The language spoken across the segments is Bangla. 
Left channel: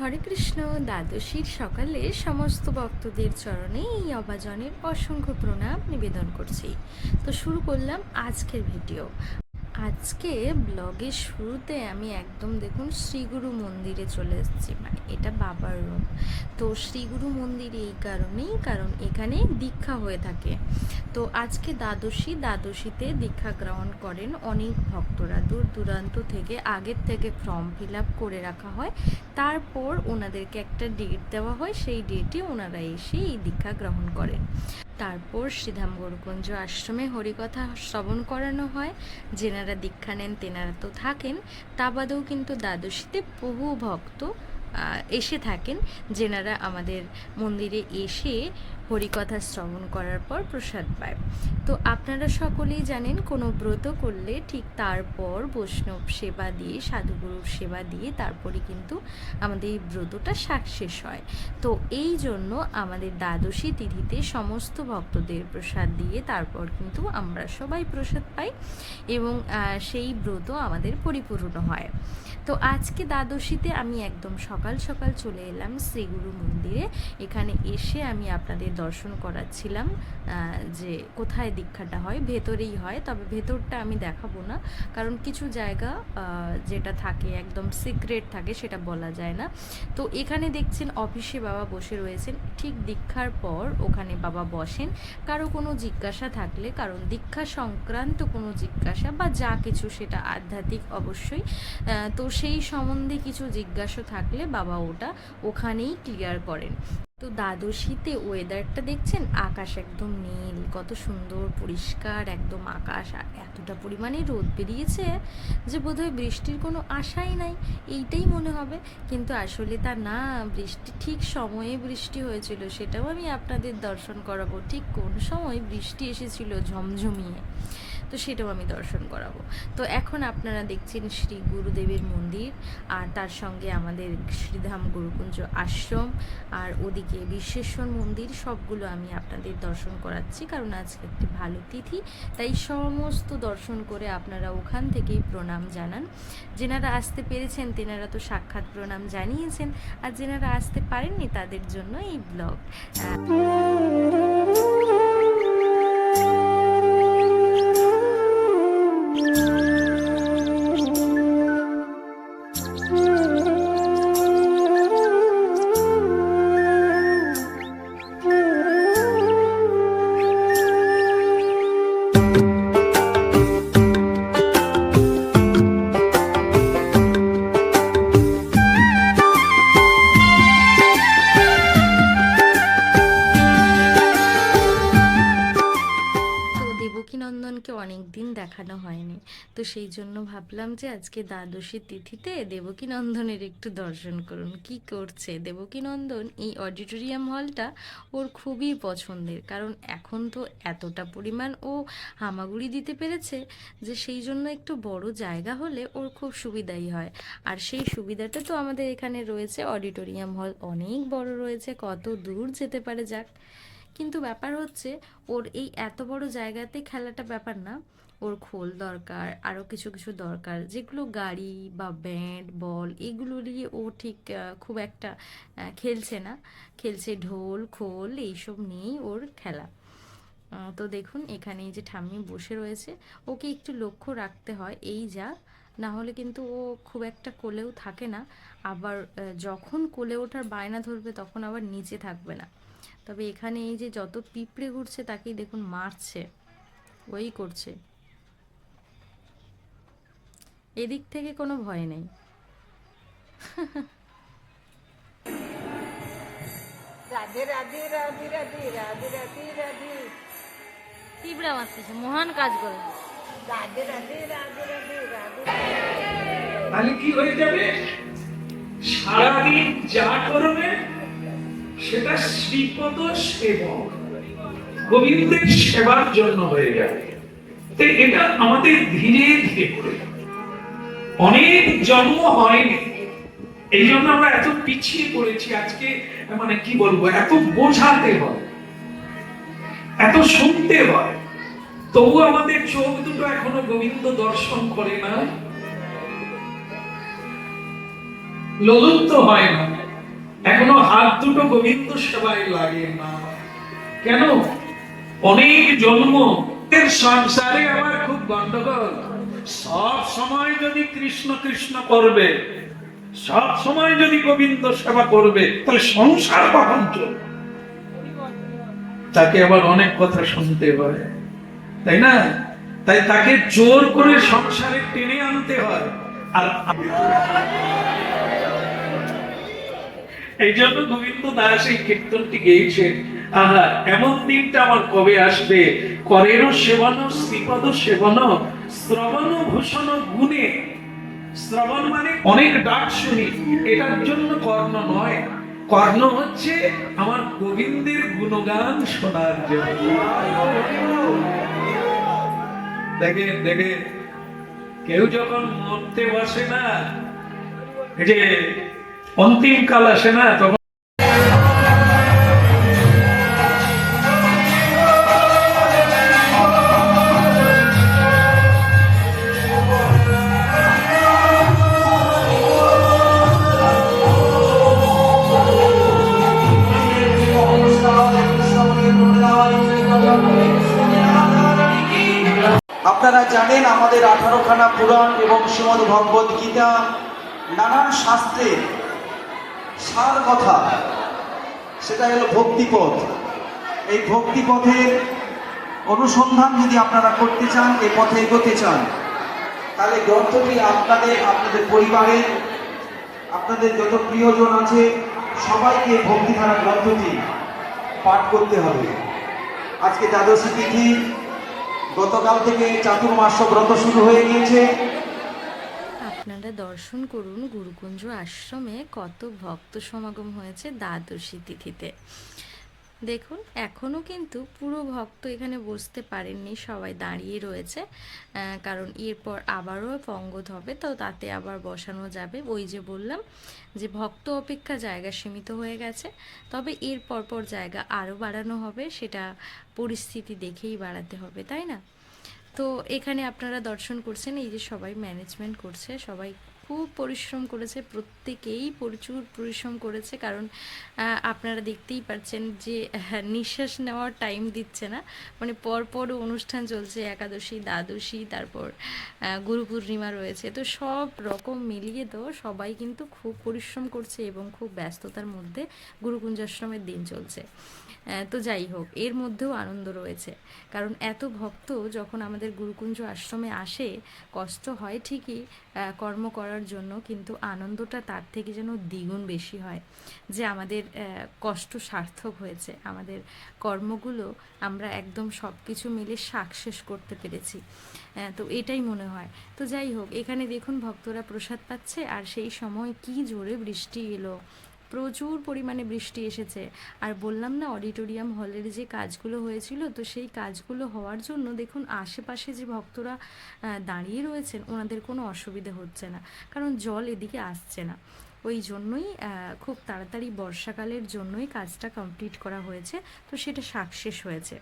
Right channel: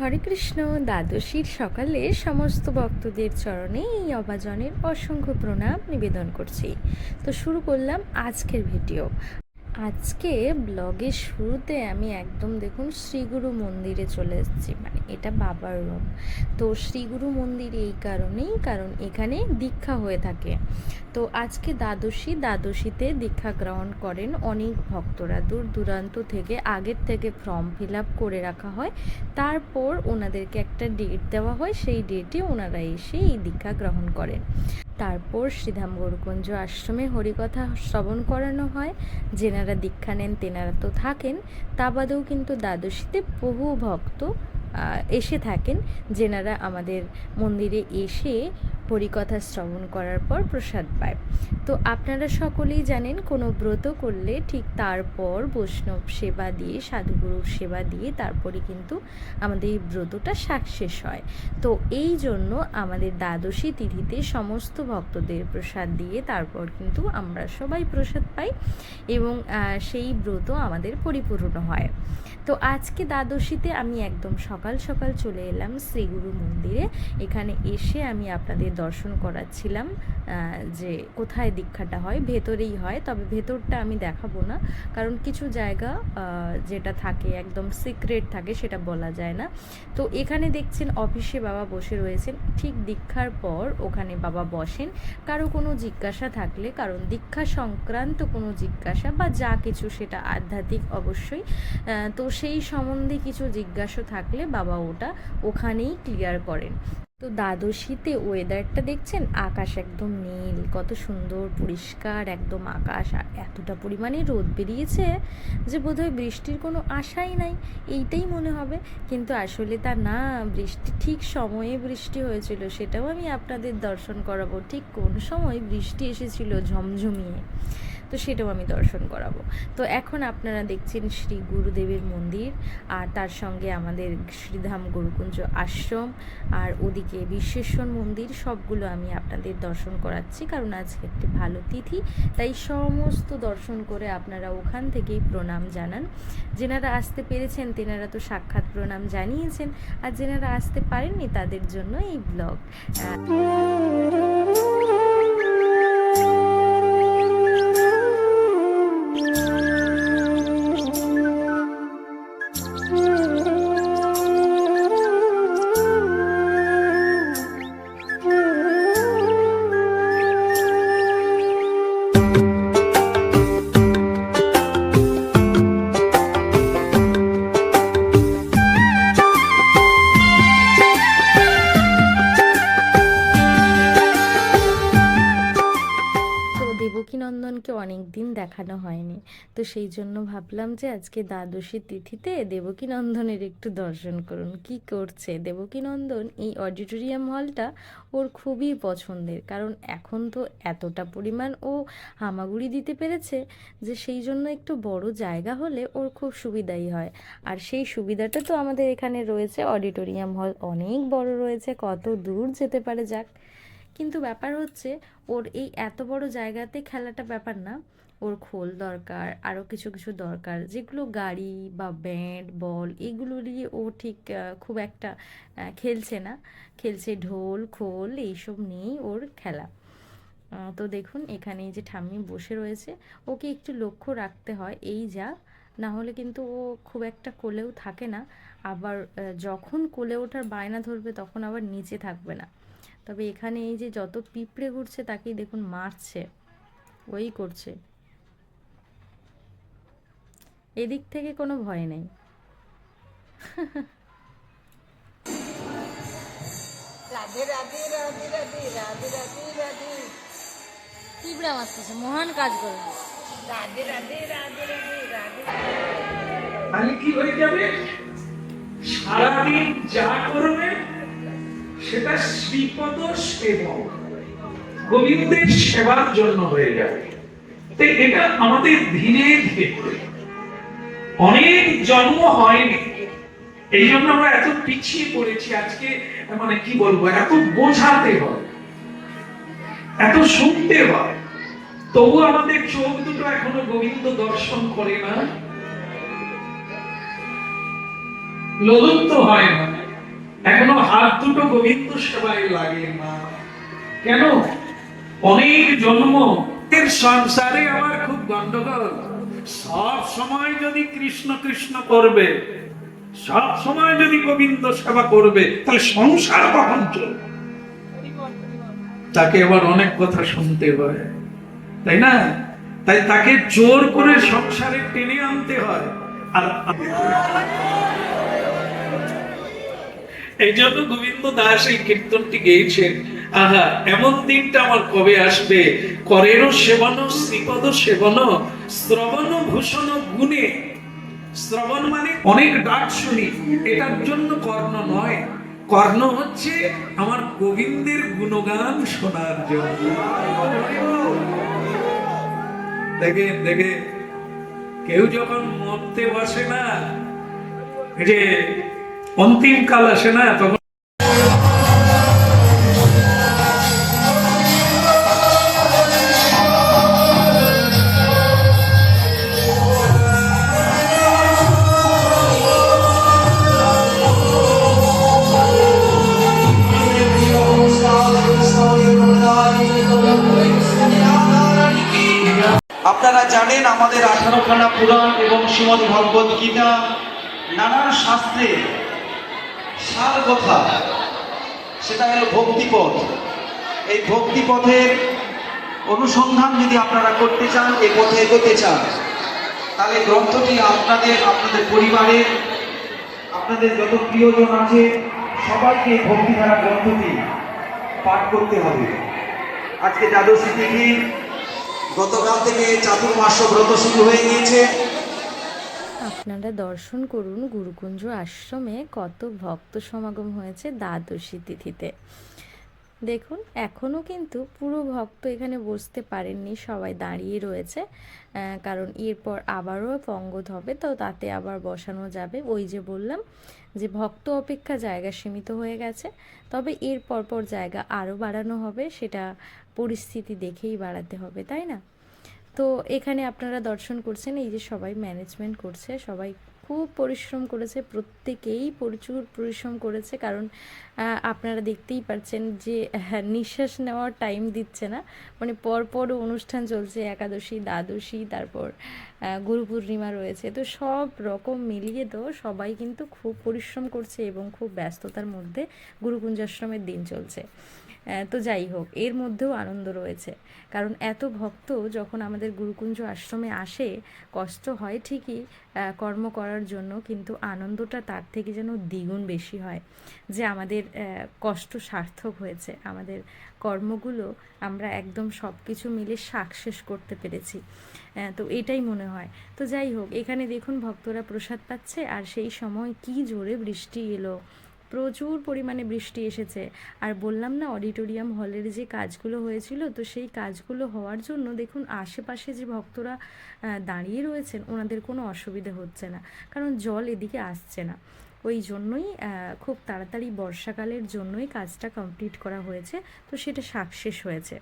হরে কৃষ্ণ, দ্বাদশীর সকালে সমস্ত ভক্তদের চরণে এই অভাজনের অসংখ্য প্রণাম নিবেদন করছি। তো শুরু করলাম আজকের ভিডিও। আজকে ব্লগের শুরুতে আমি একদম দেখুন শ্রীগুরু মন্দিরে চলে এসেছি মানে এটা বাবার রুম তো শ্রীগুরু মন্দির এই কারণেই, কারণ এখানে দীক্ষা হয়ে থাকে। তো আজকে দ্বাদশী, দ্বাদশীতে দীক্ষা গ্রহণ করেন অনেক ভক্তরা। দূর দূরান্ত থেকে, আগের থেকে ফর্ম ফিল আপ করে রাখা হয়। তারপর ওনাদেরকে একটা ডেট দেওয়া হয়, সেই ডেটে ওনারা এসে এই দীক্ষা গ্রহণ করেন। তারপর শ্রীধাম গৌরকুঞ্জ আশ্রমে হরিকথা শ্রবণ করানো হয়। যেনারা দীক্ষা নেন, তেনারা তো থাকেন। তা বাদেও কিন্তু দ্বাদশীতে বহু ভক্ত এসে থাকেন যেনারা আমাদের মন্দিরে এসে হরিকথা শ্রবণ করার পর প্রসাদ পায়। তো আপনারা সকলেই জানেন কোনো ব্রত করলে ঠিক তারপর বৈষ্ণব সেবা দিয়ে, সাধুগুরুর সেবা দিয়ে তারপরে কিন্তু আমাদের এই ব্রতটা সাকসেস হয়। তো এই জন্য আমাদের দ্বাদশী তিথিতে সমস্ত ভক্তদের প্রসাদ দিয়ে তারপর কিন্তু আমরা সবাই প্রসাদ পাই এবং সেই ব্রত আমাদের পরিপূর্ণ হয়। তো আজকে দ্বাদশীতে আমি একদম সকাল সকাল চলে এলাম শ্রীগুরু মন্দিরে। এখানে এসে আমি আপনাদের দর্শন করাচ্ছিলাম যে কোথায় দীক্ষাটা হয়, ভেতরেই হয়। তবে ভেতরটা আমি দেখাবো না, কারণ কিছু জায়গা যেটা থাকে, একদম সিক্রেট থাকে, সেটা বলা যায় না। তো এখানে দেখছেন অফিসে বাবা বসে রয়েছেন। ঠিক দীক্ষার পর ওখানে বাবা বসেন। কারও কোনো জিজ্ঞাসা থাকলে, কারণ দীক্ষা সংক্রান্ত কোনো জিজ্ঞাসা বা যা কিছু সেটা আধ্যাত্মিক অবশ্যই তো সেই সম্বন্ধে কিছু জিজ্ঞাসা থাকলে বাবা ওটা ওখানেই ক্লিয়ার করেন। তো দ্বাদশীতে ওয়েদারটা দেখছেন? আকাশ একদম নীল, কত সুন্দর, পরিষ্কার, একদম আকাশ। এতটা পরিমাণে রোদ বেরিয়েছে যে বোধহয় বৃষ্টির কোনো আশাই নাই। এইটাই মনে হবে। কিন্তু আসলে তা না, বৃষ্টি ঠিক সময়ে বৃষ্টি হয়েছিল, সেটাও আমি আপনাদের দর্শন করাবো। ঠিক কোন সময় বৃষ্টি এসেছিল ঝমঝমিয়ে? তো সেটাও আমি দর্শন করাবো। তো এখন আপনারা দেখছেন শ্রী গুরুদেবের মন্দির, আর তার সঙ্গে আমাদের শ্রীধাম গুরুকুঞ্জ আশ্রম, আর ওদিকে বিশ্বেশ্বর মন্দির, সবগুলো আমি আপনাদের দর্শন করাচ্ছি, কারণ আজকে একটি ভালো তিথি, তাই সমস্ত দর্শন করে আপনারা ওখান থেকেই প্রণাম জানান। যেনারা আসতে পেরেছেন, তেনারা তো সাক্ষাৎ প্রণাম জানিয়েছেন, আর যেনারা আসতে পারেননি, তাদের জন্য এই ব্লগ। সেই জন্য ভাবলাম যে আজকে দ্বাদশী তিথিতে দেবকীনন্দনের একটু দর্শন করুন। কি করছে? দেবকীনন্দন এই অডিটোরিয়াম হলটা ওর খুবই পছন্দের। কারণ এখন তো এতটা পরিমাণ ও হামাগুড়ি দিতে পেরেছে যে সেই জন্য একটু বড় জায়গা হলে ওর খুব সুবিধাই হয়। আর সেই সুবিধাটা তো আমাদের এখানে রয়েছে। অডিটোরিয়াম হল অনেক বড় রয়েছে, কত দূর যেতে পারে যাক। কিন্তু ব্যাপার হচ্ছে ওর এই এত বড় জায়গাতে খেলাটা ব্যাপার না। ওর খোল দরকার আরও কিছু কিছু দরকার। যেগুলো গাড়ি বা ব্যান্ড বল এগুলো নিয়ে ও ঠিক খুব একটা খেলছে না। খেলছে ঢোল, খোল এইসব নিয়েই ওর খেলা। তো দেখুন এখানে যে ঠাম্মি বসে রয়েছে, ওকে একটু লক্ষ্য রাখতে হয়, এই যা। না হলে কিন্তু ও খুব একটা কোলেও থাকে না। আবার যখন কোলে ওঠার বায়না ধরবে তখন আবার নিচে থাকবে না। তবে এখানে এই যে যত পিঁপড়ে ঘুরছে তাকেই দেখুন মারছে। ওই করছে। এদিক থেকে কোনো ভয় নেই। রাধে রাধে রাধে রাধে রাধে রাধে রাধে। পিঁপড়া মারতেছে মহান কাজ করে রাধে রাধে রাধে রাধে রাধে। তাহলে কি হয়ে যাবে? সারাদিন যা করবে সেটা শ্রীপদ সেবক। গোবিন্দের সেবার জন্য হয়ে যাবে। তো এটা আমাদের ধীরে ধীরে করে অনেক জন্ম হয়নি। এই জন্য আমরা এত পিছিয়ে পড়েছি আজকে মানে কি বলব, এত বোঝাতে হয়, এত শুনতে হয়। তবু আমাদের চোখ দুটো এখনও গোবিন্দ দর্শন করে না। ললুপ্ত হয় না। এখনও হাত দুটো গোবিন্দ সেবায় লাগে না। কেন? অনেক জন্ম। সংসারে আমার খুব গন্ডগোল। সব সময় যদি কৃষ্ণ কৃষ্ণ করবে, সব সময় যদি গোবিন্দ সেবা করবে, তাহলে সংসার কখন চলবে? তাকে আবার অনেক কথা শুনতে হয়, তাই না? তাই তাকে জোর করে সংসারে টেনে আনতে হয়। আর এই জন্য গোবিন্দ দাস এই কীর্তনটি গেয়েছেন। আহা, এমন দিনটা আমার কবে আসবে? করেরও সেবন শ্রীপদ সেবন শ্রবণ ভূষণ গুণে, শ্রবণ মানে অনেক ডাক শুনি, এটার জন্য কর্ণ নয়। কর্ণ হচ্ছে আমার গোবিন্দের গুণগান শোনার জন্য। দেখেন দেখে, কেউ যখন মরতে বসে না যে অন্তিম কাল আসে না, তখন শ্রীমদ ভগবত গীতা নানান শাস্ত্রে সার কথা, সেটা হলো ভক্তিপথ। এই ভক্তিপথের অনুসন্ধান যদি আপনারা করতে চান এ পথে এগোতে চান, তাহলে গ্রন্থটি আপনাদের আপনাদের পরিবারে, আপনাদের যত প্রিয়জন আছে, সবাইকে ভক্তিধারা গ্রন্থটি পাঠ করতে হবে। আজকে দ্বাদশী তিথি, গতকাল থেকে চাতুর্মাস ব্রত শুরু হয়ে গিয়েছে। আপনারা দর্শন করুন গুরুকুঞ্জ আশ্রমে কত ভক্ত সমাগম হয়েছে দ্বাদশী তিথিতে। দেখুন এখনও কিন্তু পুরো ভক্ত এখানে বসতে পারেননি, সবাই দাঁড়িয়ে রয়েছে। কারণ এরপর আবারও পঙ্গত হবে, তো তাতে আবার বসানো যাবে। ওই যে বললাম যে ভক্ত অপেক্ষা জায়গা সীমিত হয়ে গেছে, তবে এর পরপর জায়গা আরও বাড়ানো হবে, সেটা পরিস্থিতি দেখেই বাড়াতে হবে, তাই না? তো এখানে আপনারা দর্শন করছেন এই যে সবাই ম্যানেজমেন্ট করছে সবাই খুব পরিশ্রম করেছে প্রত্যেকেই প্রচুর পরিশ্রম করেছে কারণ আপনারা দেখতেই পাচ্ছেন যে হ্যাঁ, নিঃশ্বাস নেওয়ার টাইম দিচ্ছে না। মানে পরপর অনুষ্ঠান চলছে একাদশী দ্বাদশী তারপর গুরু পূর্ণিমা রয়েছে। তো সব রকম মিলিয়ে তো সবাই কিন্তু খুব পরিশ্রম করছে এবং খুব ব্যস্ততার মধ্যে গুরুকুঞ্জাশ্রমের দিন চলছে। তো যাই হোক এর মধ্যেও আনন্দ রয়েছে। কারণ এত ভক্ত যখন আমাদের গুরুকুঞ্জ আশ্রমে আসে কষ্ট হয় ঠিকই কর্ম করার জন্য কিন্তু আনন্দটা তার থেকে যেন দ্বিগুণ বেশি হয়, যে আমাদের কষ্ট সার্থক হয়েছে। আমাদের কর্মগুলো আমরা একদম সব কিছু মিলে সাকসেস করতে পেরেছি। তো এটাই মনে হয়। তো যাই হোক, এখানে দেখুন ভক্তরা প্রসাদ পাচ্ছে আর সেই সময় কি জোরে বৃষ্টি এলো প্রচুর পরিমাণে বৃষ্টি এসেছে। আর বললাম না, অডিটোরিয়াম হলের যে কাজগুলো হয়েছিল, তো সেই কাজগুলো হওয়ার জন্য দেখুন, আশেপাশে যে ভক্তরা দাঁড়িয়ে রয়েছেন, ওনাদের কোনো অসুবিধে হচ্ছে না। কারণ জল এদিকে আসছে না। ওই জন্যই খুব তাড়াতাড়ি বর্ষাকালের জন্যই কাজটা কমপ্লিট করা হয়েছে। তো সেটা সাকসেস হয়েছে।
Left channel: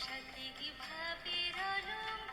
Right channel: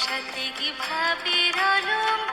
সাথে কি ভাবির অলঙ্কার